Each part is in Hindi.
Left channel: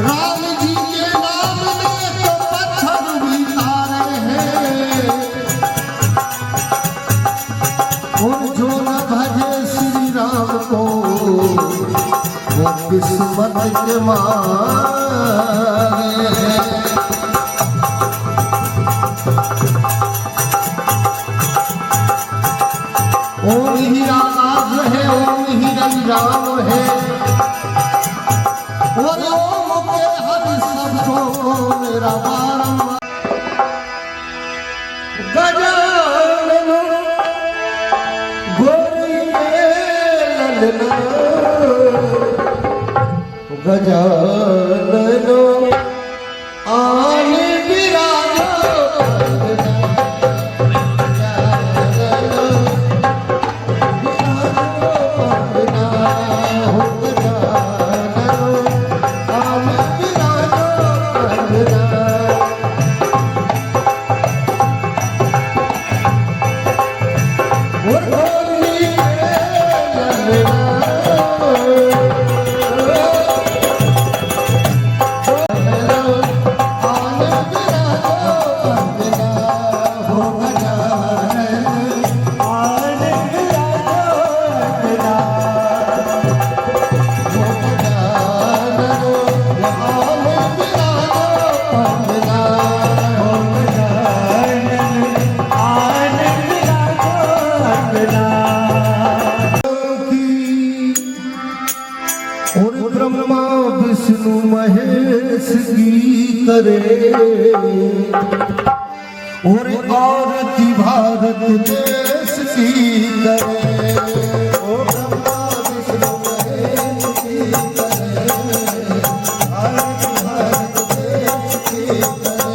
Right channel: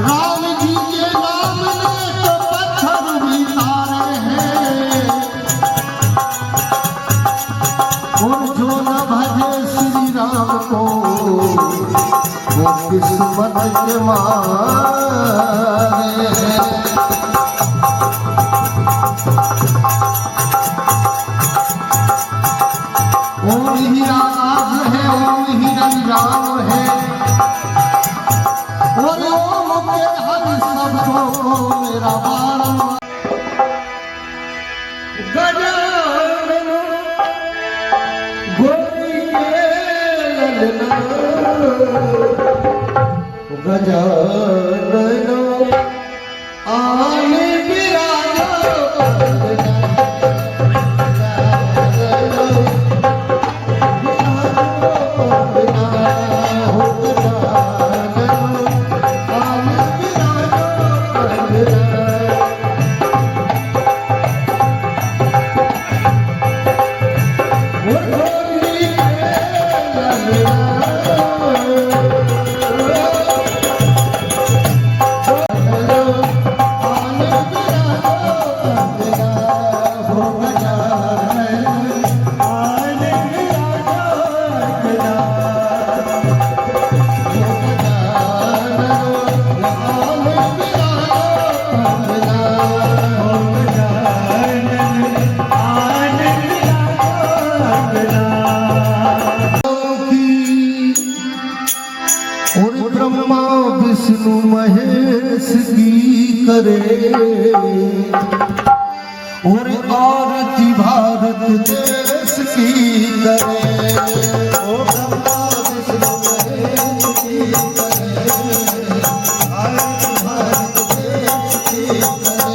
राम जी के नाम में तो पत्थर भी तारे हैं, और जो न भजे श्री राम को वो किस्मत के मारे हैं। ओम हीरा नाथ है, ओम हिरन राम है, और ओम के हर सबको मेरा बारंबार। गजानन गोरी के ललना, गजानन आने विराजो। ब्रह्मा विष्णु महेश की करे, और आरती भारत देश की करे। ओ ब्रह्मा विष्णु महेश की करे, आरती भारत देश की करे।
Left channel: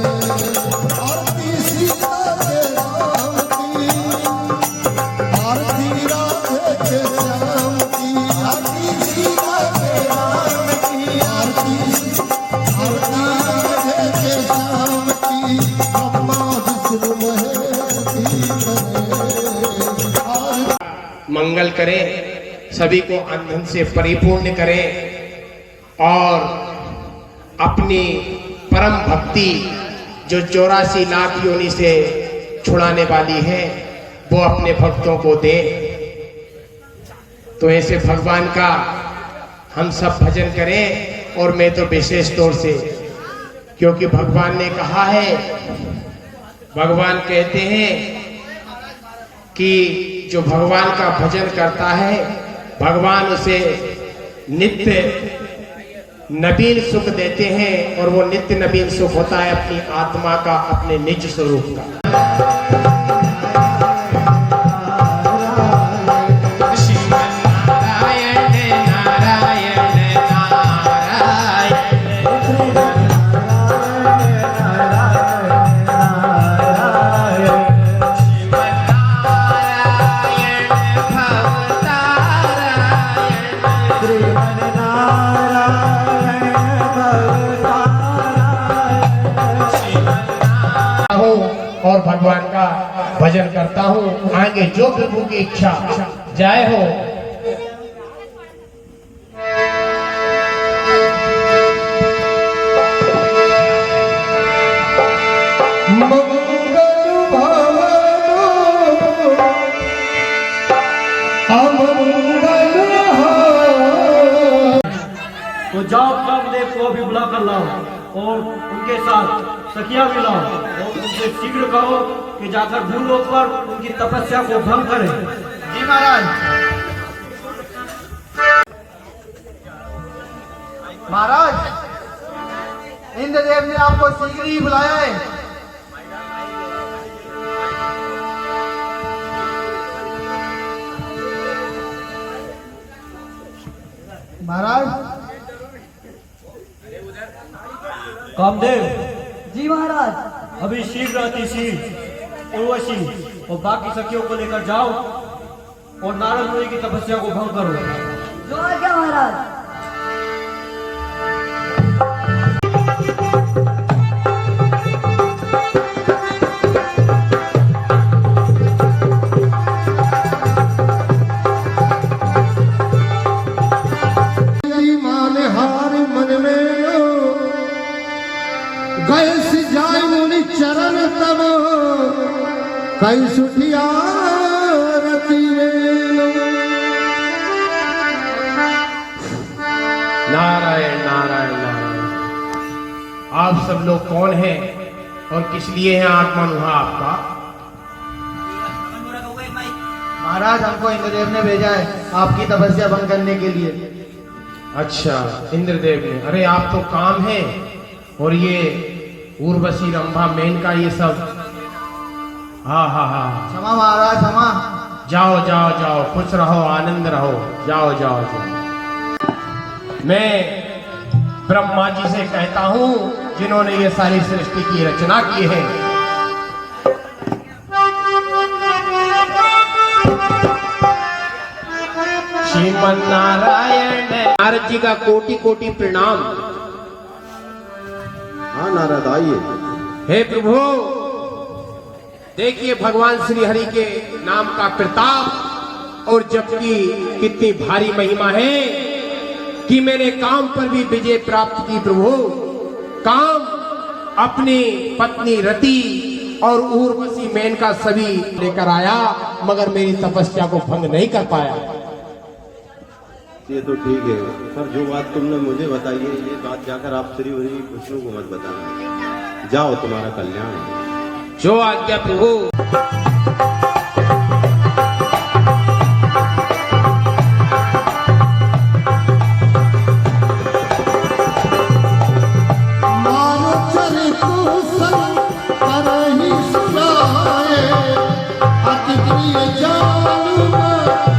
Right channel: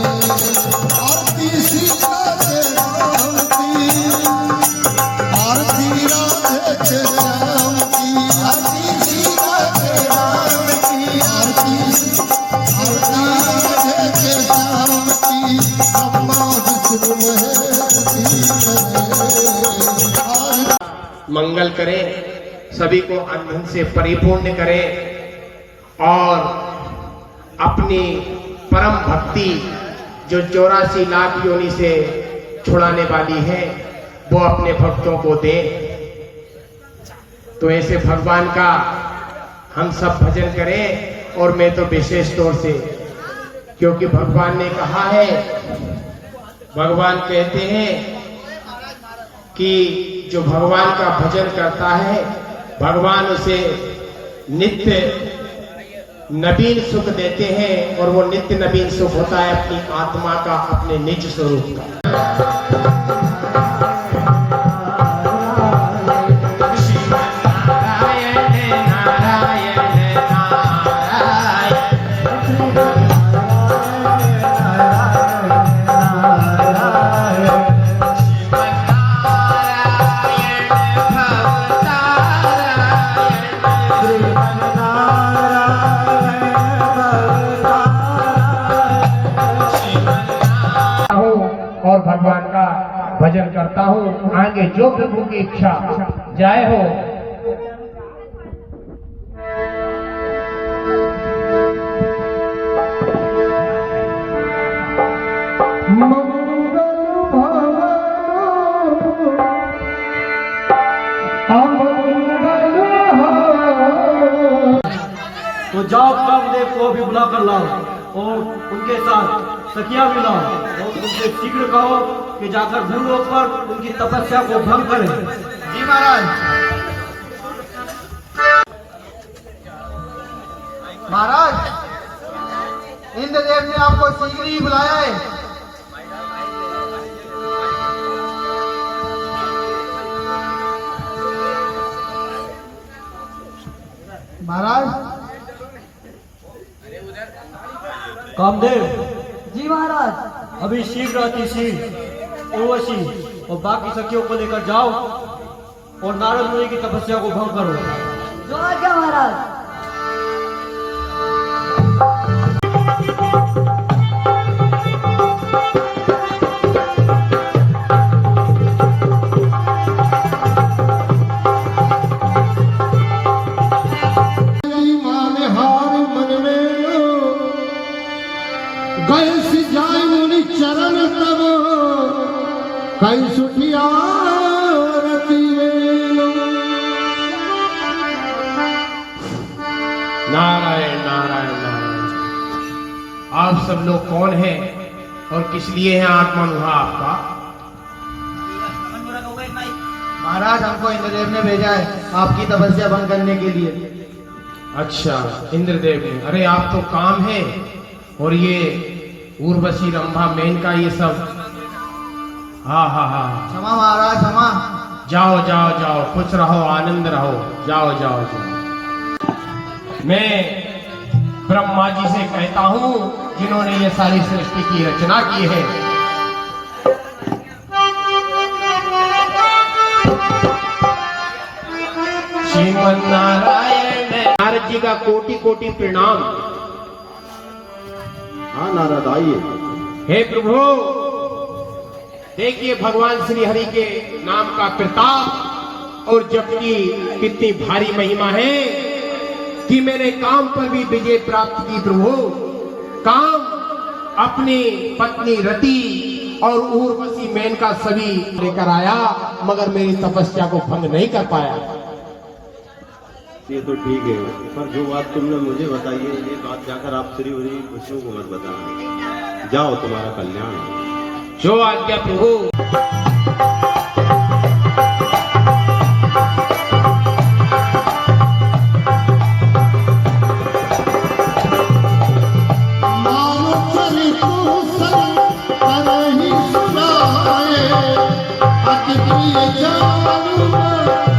आरती सीता के राम की, आरती राधे के श्याम की, आरती सीता के राम की, आरती राधे के श्याम की, ब्रह्मा विष्णु महेश की करे। मंगल करे, सभी को अंधन से परिपूर्ण करे, और अपनी परम भक्ति जो 84 लाख योनि से छुड़ाने वाली है वो अपने भक्तों को दे। तो ऐसे भगवान का हम सब भजन करें, और मैं तो विशेष तौर से, क्योंकि भगवान ने कहा है, भगवान कहते हैं कि जो भगवान का भजन करता है भगवान उसे नित्य नवीन सुख देते हैं, और वो नित्य नवीन सुख होता है अपनी आत्मा का, अपने निज स्वरूप का। और भगवान का भजन करता हूँ, आगे जो प्रभु की इच्छा जय हो। तो जाओ कामदेव को भी बुला कर लाओ, और उनके साथ सखिया भी लाओ, और उनसे शीघ्र कहो कि जाकर भूलोक पर उनकी तपस्या को भंग करें। जी महाराज। महाराज, इंद्रदेव ने आपको शीघ्र ही बुलाया है। महाराज। कामदेव। जी महाराज। अभी शीघ्र अतिशी, उर्वशी और बाकी सखियों को लेकर जाओ, और नारद मुनि की तपस्या को भंग करो। जो आज्ञा महाराज। मान हार मन में कई सुठिया रती वेलो। नारायण नारायण नारायण। आप सब लोग कौन हैं और किस लिए है आगमन हुआ आपका? महाराज, हमको इंद्रदेव ने भेजा है आपकी तपस्या भंग करने के लिए। अच्छा, इंद्रदेव ने। अरे आप तो काम है, और ये उर्वशी रंभा मेनका ये सब। हाँ हाँ हाँ, क्षमा महाराज, क्षमा। जाओ जाओ जाओ, खुश रहो, आनंद रहो, जाओ जाओ जाओ। मैं ब्रह्मा जी से कहता हूँ जिन्होंने ये सारी सृष्टि की रचना की है। श्रीमन नारायण। नारद जी का कोटि कोटि प्रणाम। हाँ नारद, आइए। हे प्रभु, देखिए भगवान श्री हरि के नाम का प्रताप और जप की कितनी भारी महिमा है कि मैंने काम पर भी विजय प्राप्त की। प्रभु, काम अपनी पत्नी रति और उर्वशी मेनका सभी लेकर आया, मगर मेरी तपस्या को भंग नहीं कर पाया। ये तो ठीक है, पर जो बात तुमने मुझे बताई है, ये बात जाकर आप श्री हरि विष्णु को मत बताना। जाओ, तुम्हारा कल्याण है। जो आज्ञा प्रभु। मारो चरितो सन करहि सुनाए, अति प्रिय जानू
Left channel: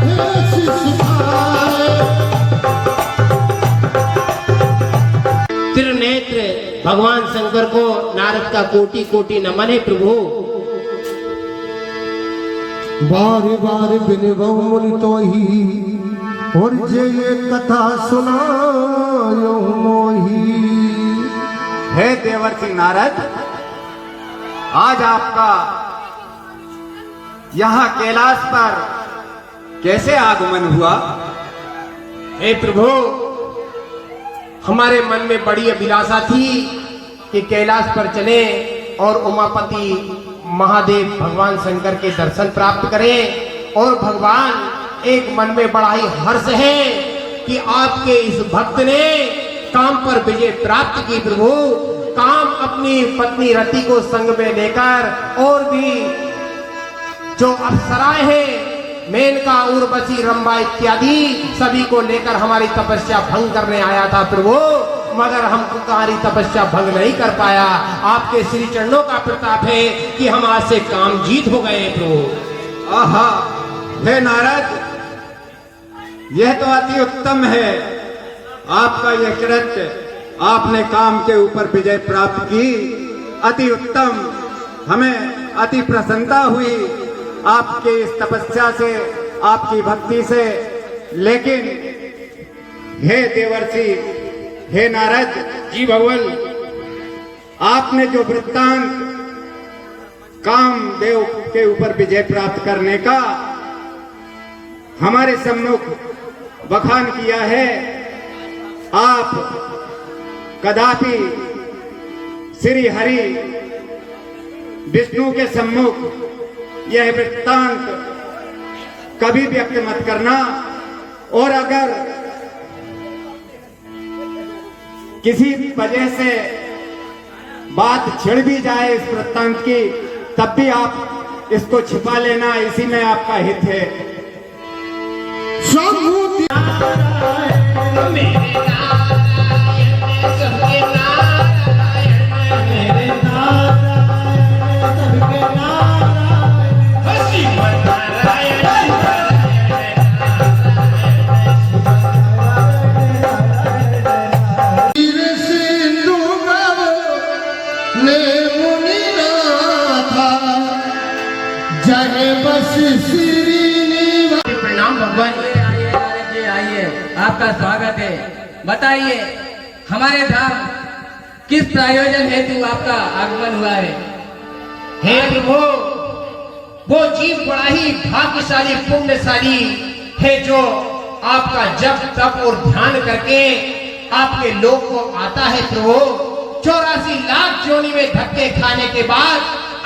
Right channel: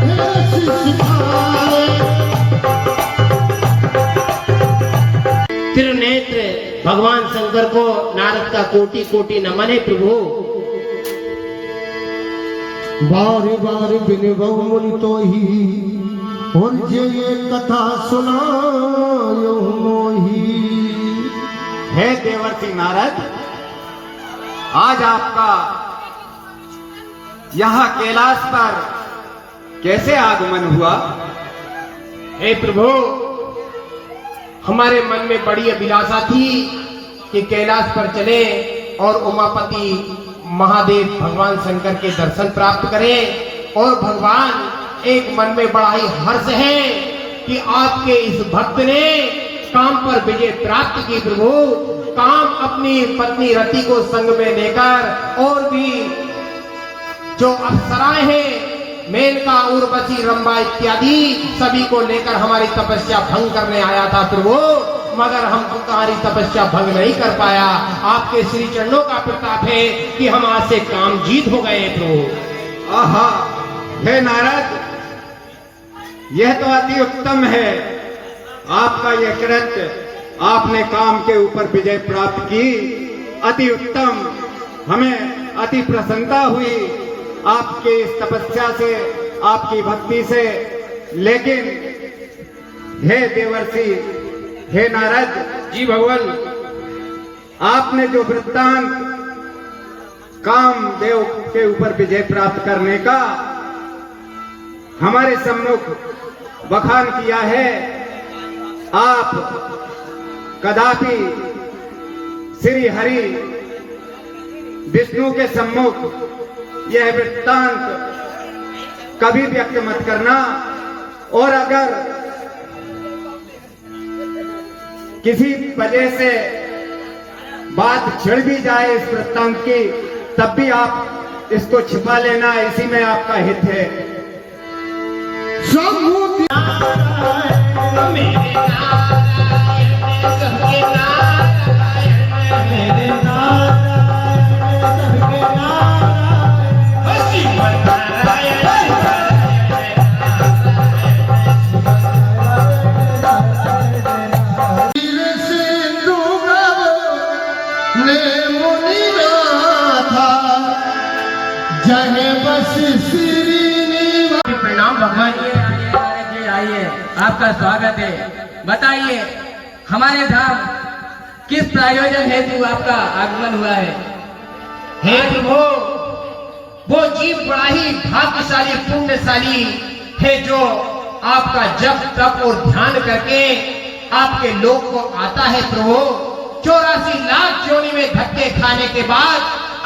हे सिखाए। त्रिनेत्र भगवान शंकर को नारद का कोटि कोटि नमन है प्रभु। बार बार बिनवो मुनि तो ही, और जे ये कथा सुनायो मोही। हे देवर्षि नारद, आज आपका यहाँ कैलाश पर कैसे आगमन हुआ? हे प्रभु, हमारे मन में बड़ी अभिलाषा थी कि कैलाश पर चले और उमापति महादेव भगवान शंकर के दर्शन प्राप्त करें। और भगवान, एक मन में बड़ा ही हर्ष है कि आपके इस भक्त ने काम पर विजय प्राप्त की। प्रभु, काम अपनी पत्नी रति को संग में लेकर और भी जो अप्सराएं हैं, मेनका, उर्वशी, रंभा इत्यादि सभी को लेकर हमारी तपस्या भंग करने आया था प्रभु, मगर हम तुम्हारी तपस्या भंग नहीं कर पाया। आपके श्री चरणों का प्रताप है कि हम आज से काम जीत हो गए प्रभु। आहा, हे नारद, यह तो अति उत्तम है। आपका यह कृत्य, आपने काम के ऊपर विजय प्राप्त की, अति उत्तम। हमें अति प्रसन्नता हुई आपके इस तपस्या से, आपकी भक्ति से। लेकिन हे देवर्षि, हे नारद जी भगवान, आपने जो वृत्तांत कामदेव के ऊपर विजय प्राप्त करने का हमारे सम्मुख बखान किया है, आप कदापि श्री हरि विष्णु के सम्मुख यह वृत्तांत कभी व्यक्त मत करना। और अगर किसी वजह से बात छिड़ भी जाए इस वृत्तांत की, तब भी आप इसको छिपा लेना, इसी में आपका हित है। प्रणाम भगवान। आइए, आपका स्वागत है। बताइए, हमारे धाम किस प्रयोजन हेतु आपका आगमन हुआ है? हे प्रभु, वो जीव बड़ा ही भाग्यशाली पुण्यशाली है जो आपका जप तप और ध्यान करके आपके लोक को आता है प्रभु। 84 लाख योनि में धक्के खाने के बाद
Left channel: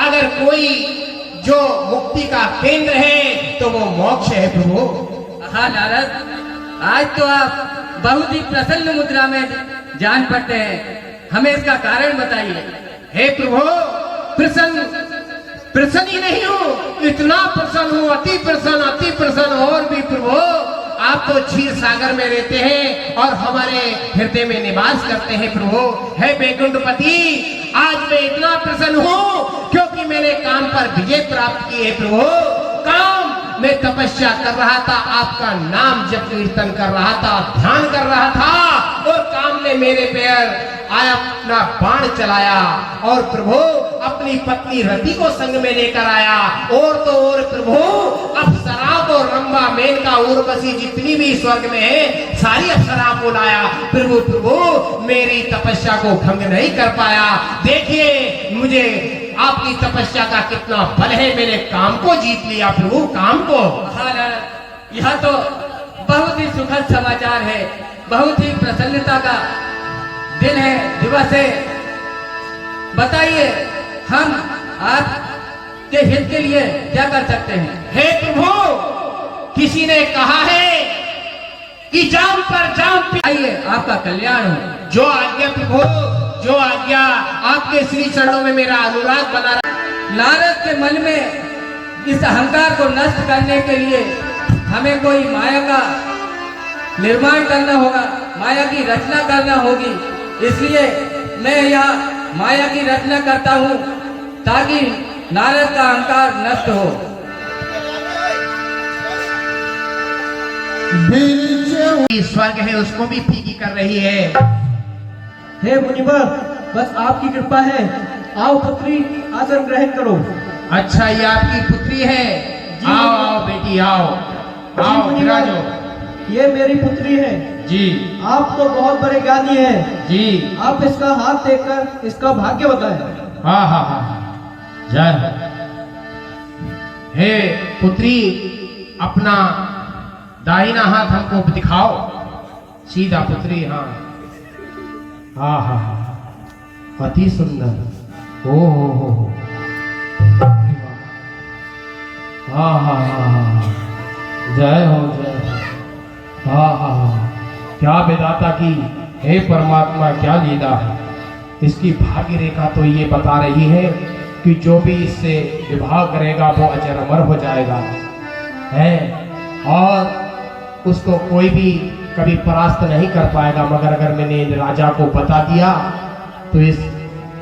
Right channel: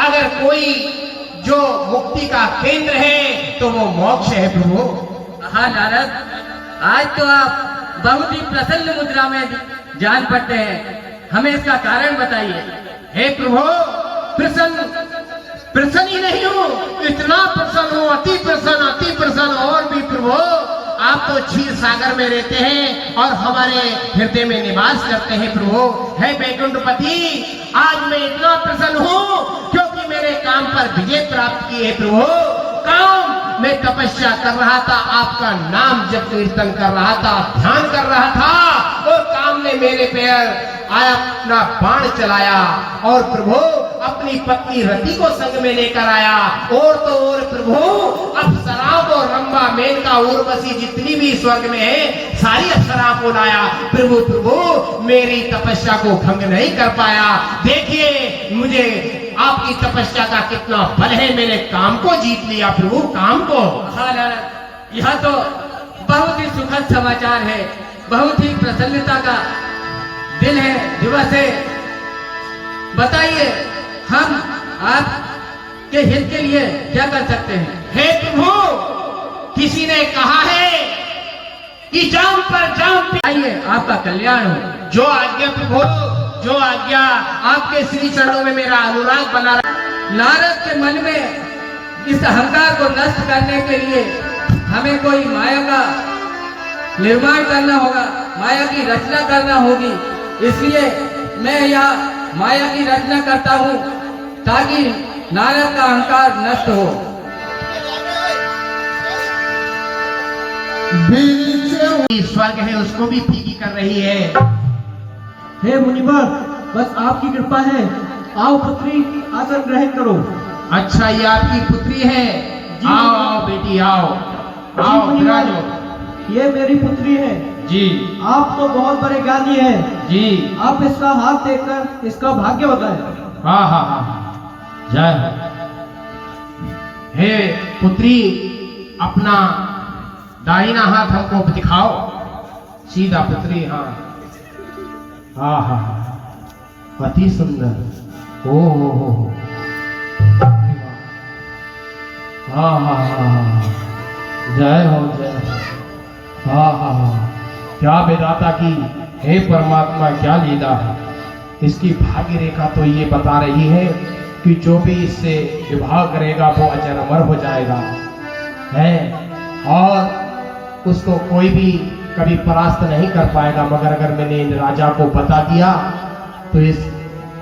अगर कोई जो मुक्ति का केंद्र है तो वो मोक्ष है प्रभु। हाँ नारद, आज तो आप बहुत ही प्रसन्न मुद्रा में जान पड़ते हैं, हमें इसका कारण बताइए। हे प्रभु, प्रसन्न ही नहीं हूँ, इतना प्रसन्न हूँ, अति प्रसन्न और भी प्रभु। आप तो क्षीर सागर में रहते हैं और हमारे हृदय में निवास करते हैं प्रभु। हे वैकुंठपति, आज मैं इतना प्रसन्न हूँ क्योंकि मेरे काम पर विजय प्राप्त की है प्रभु। काम मैं तपस्या कर रहा था, आपका नाम जप कीर्तन कर रहा था, ध्यान कर रहा था, और काम ने मेरे पैर आया अपना बाण चलाया और प्रभु अपनी पत्नी रति को संग में लेकर आया। और तो और प्रभु, अब शराब और रंबा मेनका उर्वशी जितनी भी स्वर्ग में है सारी अप्सरा को लाया। प्रभु मेरी तपस्या को भंग नहीं कर पाया। देखिए मुझे आपकी तपस्या का कितना बल है, मेरे काम को जीत लिया प्रभु, काम को। हाँ नारद, यह तो बहुत ही सुखद समाचार है, बहुत ही प्रसन्नता का दिन है, दिवस है। बताइए हम आपके हित के लिए क्या कर सकते हैं? हे प्रभु, किसी ने कहा है कि जाम पर जाम आइए, आपका कल्याण हो। जो आज्ञा प्रभु, जो आज्ञा। आपके श्री चरणों में मेरा अनुराग बना रहा। नारद के मन में इस अहंकार को नष्ट करने के लिए हमें कोई माया का निर्माण करना होगा, माया की रचना करना होगी। इसलिए मैं यह माया की रचना करता हूँ ताकि नारद का अहंकार नष्ट हो। स्वर्ग है उसको भी फीकी कर रही है। हे मुनिवर, बस आपकी कृपा है। आओ पुत्री, आसन ग्रहण करो। अच्छा, ये आपकी पुत्री है? आओ आओ बेटी, आओ आओ, विराजो। ये मेरी पुत्री है जी। आप तो बहुत बड़े ज्ञानी हैं जी। आप इसका हाथ देखकर इसका भाग्य बताएं। हाँ हाँ हाँ, जय हो। हे पुत्री, अपना दाहिना हाथ हमको दिखाओ, सीधा पुत्री। हाँ हाँ हाँ हाँ, अति सुंदर। ओ हो, हाँ हाँ हाँ हाँ, जय हो जय हो। हाँ हाँ हाँ, क्या विधाता की, हे परमात्मा, क्या लीला है। इसकी भाग्य रेखा तो ये बता रही है कि जो भी इससे विवाह करेगा वो अजर अमर हो जाएगा है, और उसको कोई भी कभी परास्त नहीं कर पाएगा। मगर अगर मैंने इन राजा को बता दिया तो इस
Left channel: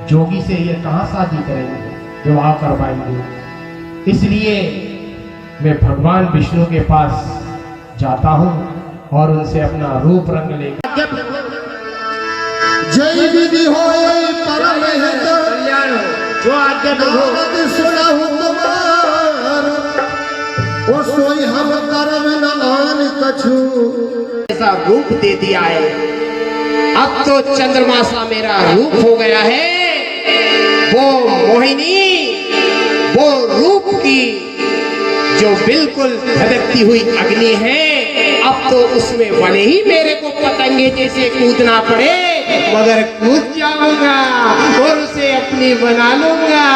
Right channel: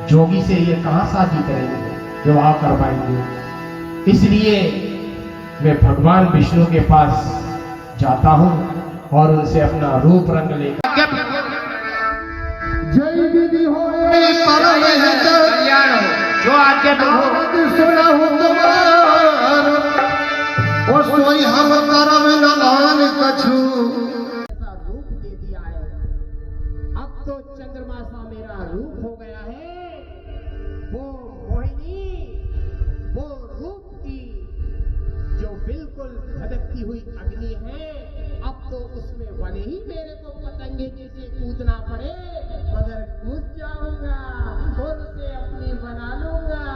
जोगी से ये कहाँ शादी करेंगे, विवाह कर पाएंगे। इसलिए मैं भगवान विष्णु के पास जाता हूँ और उनसे अपना रूप रंग लेकर। जय विधि होई परम हित, जो आज्ञा नारद सुनहु तुम्हार, ओ सोई हम करम नान कछु। ऐसा रूप दे दिया है, अब तो चंद्रमा सा मेरा रूप हो गया है। वो मोहिनी, वो रूप की जो बिल्कुल धधकती हुई अग्नि है, अब तो उसमें भले ही मेरे को पतंगे जैसे कूदना पड़े, मगर कूद जाऊंगा और उसे अपनी बना लूंगा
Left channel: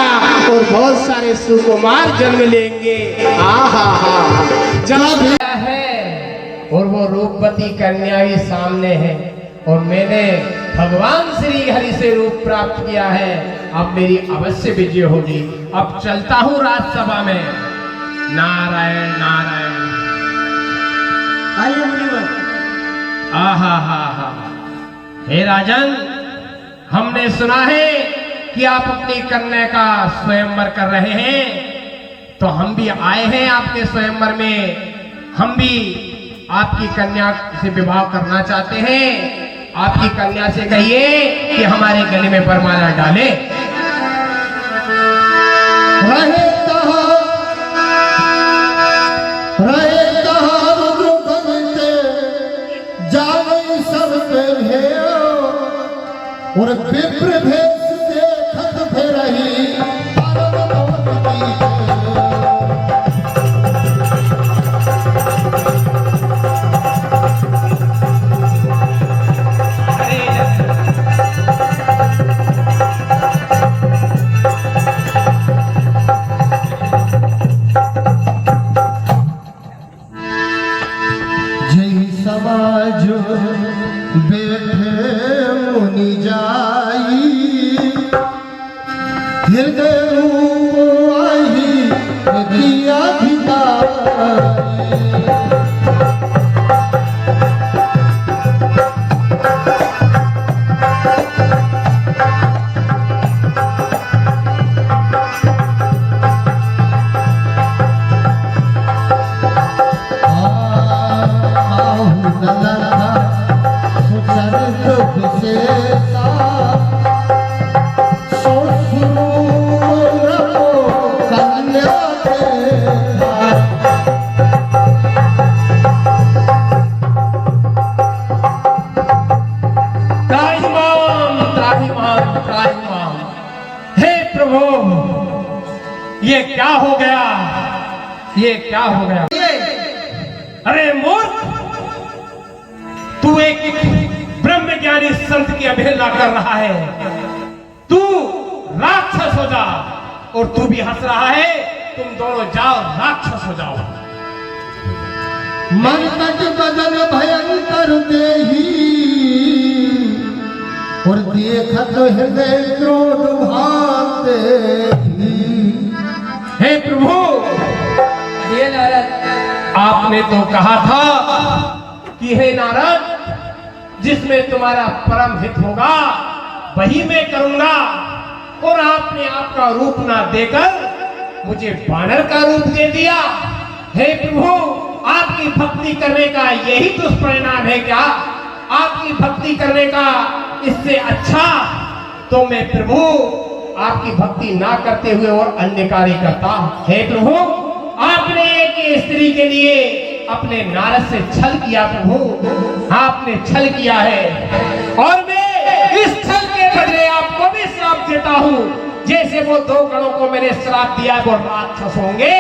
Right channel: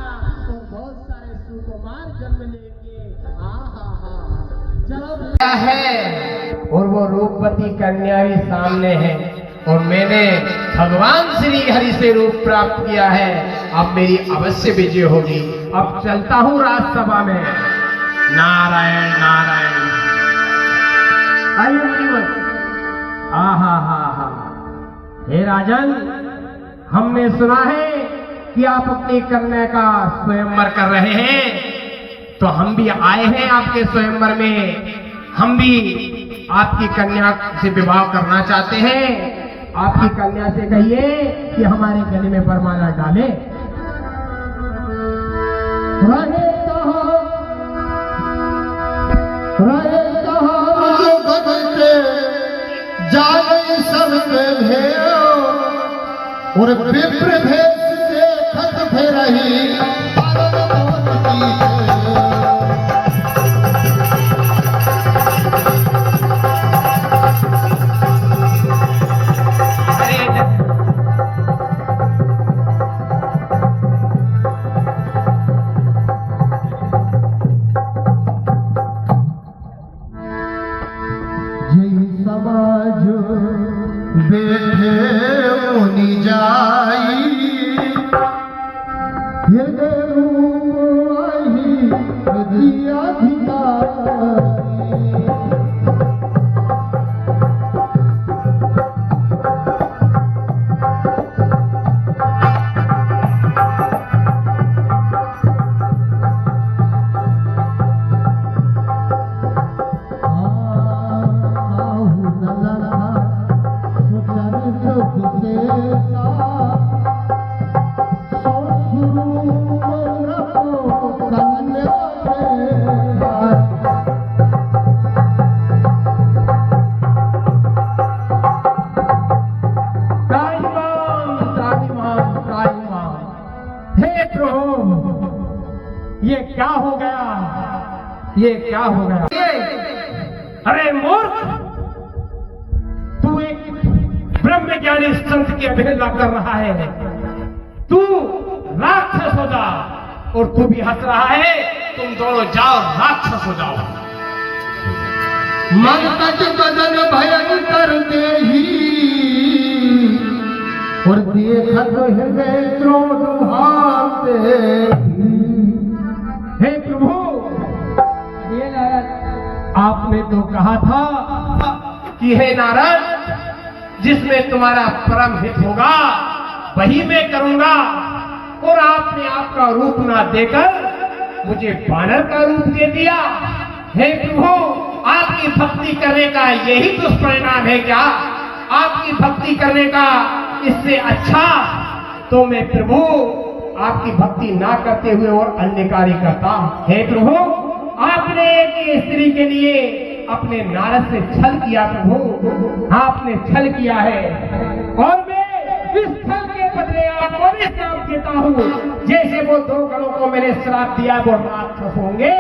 और बहुत सारे सुकुमार जन्म लेंगे। चला है और वो रूपवती कन्या ही सामने है, और मैंने भगवान श्री हरि से रूप प्राप्त किया है। अब मेरी अवश्य विजय होगी। अब चलता हूँ राजसभा में। नारायण नारायण। आइए मुनिवर। आहा हा हा, हे राजन, हमने सुना है कि आप अपनी कन्या का स्वयंवर कर रहे हैं, तो हम भी आए हैं आपके स्वयंवर में। हम भी आपकी कन्या से विवाह करना चाहते हैं। आपकी कन्या से कहिए कि हमारे गले में वरमाला डाले। रहे जावई सब पे भेड़ो और विप्र भेष देखत फेरही जाई हृदय आई दिया भिकारी ये क्या हो गया, ये क्या हो गया? अरे मूर्ख, तू एक ब्रह्मज्ञानी संत की अवहेलना कर रहा है। तू राक्षस हो जा, और तू भी हंस रहा है। तुम दोनों जाओ, राक्षस हो जाओ। मन तट बदन भयंकर देही और देखत हृदय क्रोध भाते हे प्रभु, ये नारद, आपने तो कहा था कि हे नारद, जिसमें तुम्हारा परम हित होगा वही मैं करूंगा, और आपने आपका रूप ना देकर मुझे बानर का रूप दे दिया। हे प्रभु, आपकी भक्ति करने का यही दुष्परिणाम है क्या? आपकी भक्ति करने का इससे अच्छा तो मैं प्रभु आपकी भक्ति ना करते हुए और अन्य कार्य करता। हे प्रभु, आपने एक स्त्री के लिए अपने नारद से छल किया। प्रभु, आपने छल किया है, और मैं इस छल के बदले आपको भी श्राप देता हूँ। जैसे वो दो गणों को मैंने श्राप दिया वो राक्षस होंगे,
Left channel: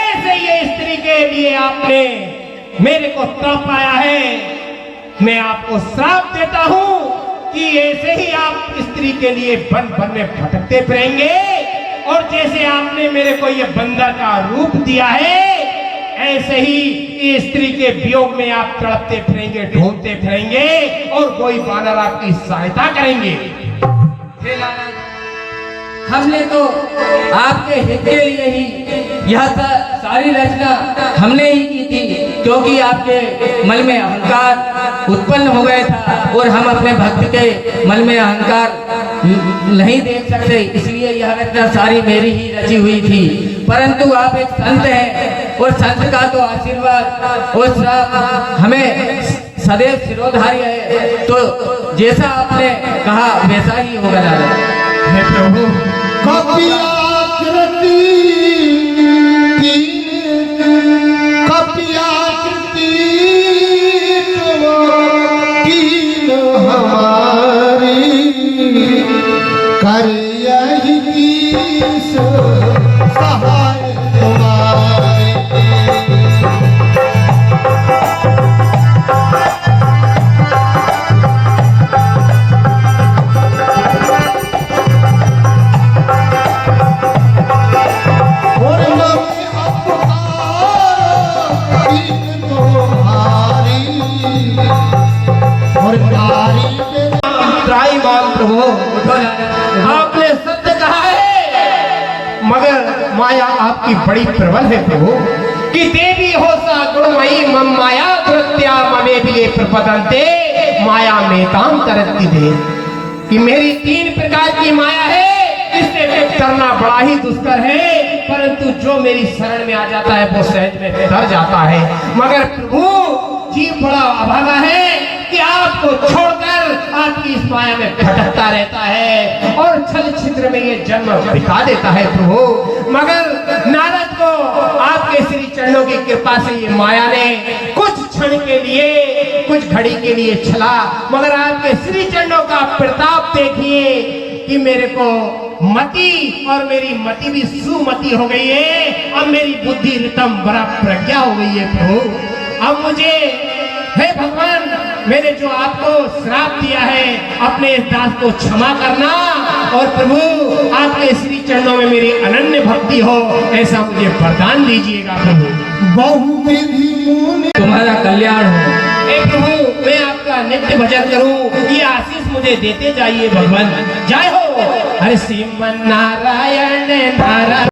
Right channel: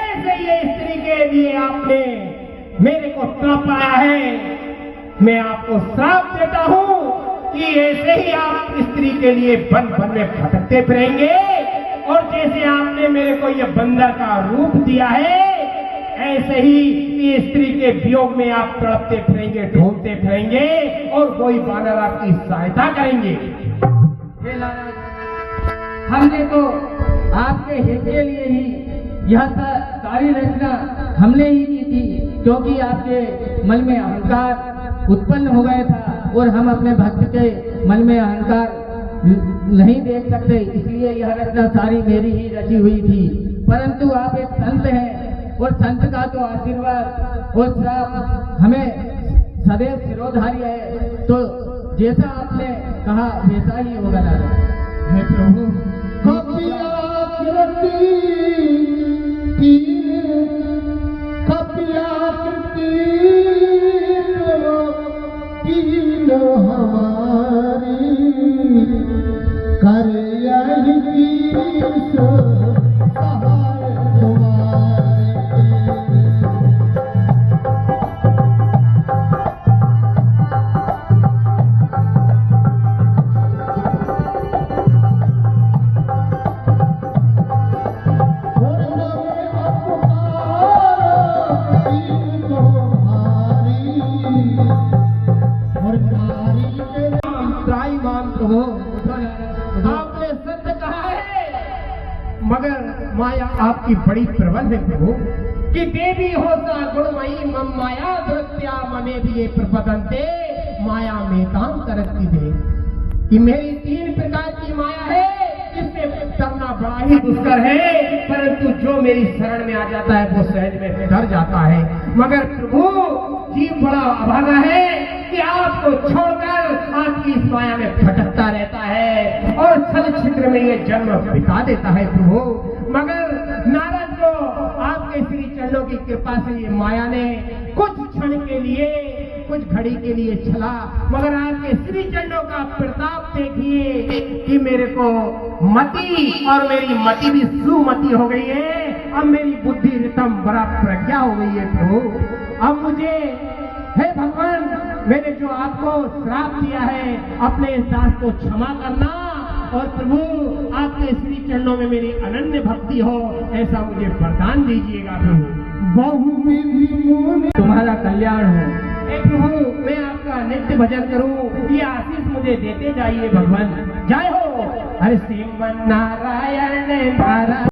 ऐसे ये स्त्री के लिए आपने मेरे को ताप पाया है। मैं आपको श्राप देता हूँ कि ऐसे ही आप स्त्री के लिए वन वन में भटकते फिरेंगे, और जैसे आपने मेरे को ये बंदर का रूप दिया है, ऐसे ही स्त्री के वियोग में आप तड़पते फिरेंगे, ढूंढते फिरेंगे, और कोई बानर आपकी सहायता करेंगे। हे नारद, हमने तो आपके हित के लिए ही यह सारी रचना हमने ही की थी, क्योंकि आपके मन में अहंकार उत्पन्न हो गया था, और हम अपने भक्त के मन में अहंकार नहीं देख सकते, इसलिए यह रचना सारी मेरी ही रची हुई थी। परंतु आप एक संत हैं, और संत का तो आशीर्वाद और श्राप हमें सदैव सिरोधार्य है, तो जैसा आपने कहा वैसा ही होगा नारद। हे प्रभु, कपियाकृति कीन हमारी कर यही कीस सहाय तुम्हारी। प्रभु, आपने सत्य कहा है, मगर माया आपकी बड़ी प्रबल है प्रभु, कि देवी हो सा गुणमयी मम माया कृत्या ममे भी प्रपदन्ते माया में काम करती दे, कि मेरी 3 प्रकार की माया है, इससे करना बड़ा ही दुष्कर है, परंतु जो मेरी शरण में आ जाता है वो सहज में डर जाता है। मगर प्रभु, जीव बड़ा अभागा है कि आपको छोड़कर आपकी इस माया में भटकता रहता है, और छल छिद्र में ये जन्म बिता देता है प्रभु। मगर नारद को आपके श्री चरणों की कृपा से ये माया ने कुछ क्षण के लिए, कुछ घड़ी के लिए छला, मगर आपके श्री चरणों का प्रताप देखिए कि मेरे को मति, और मेरी मति भी सुमति हो गई है। अब मेरी बुद्धि रितम बड़ा प्रज्ञा हो गई है प्रभु। अब मुझे, हे भगवान, मैंने जो आपको श्राप दिया है, अपने इस दास को क्षमा करना, और प्रभु आपके श्री चरणों में मेरी अनन्य भक्ति हो, ऐसा मुझे वरदान दीजिएगा प्रभु। बहुविधि मुनि तुम्हारा कल्याण हो। हे प्रभु, मैं आपका नित्य नित्य भजन करूं, ये आशीष मुझे देते जाइए भगवान। जय हो। अरे श्रीमन नारायण नारायण।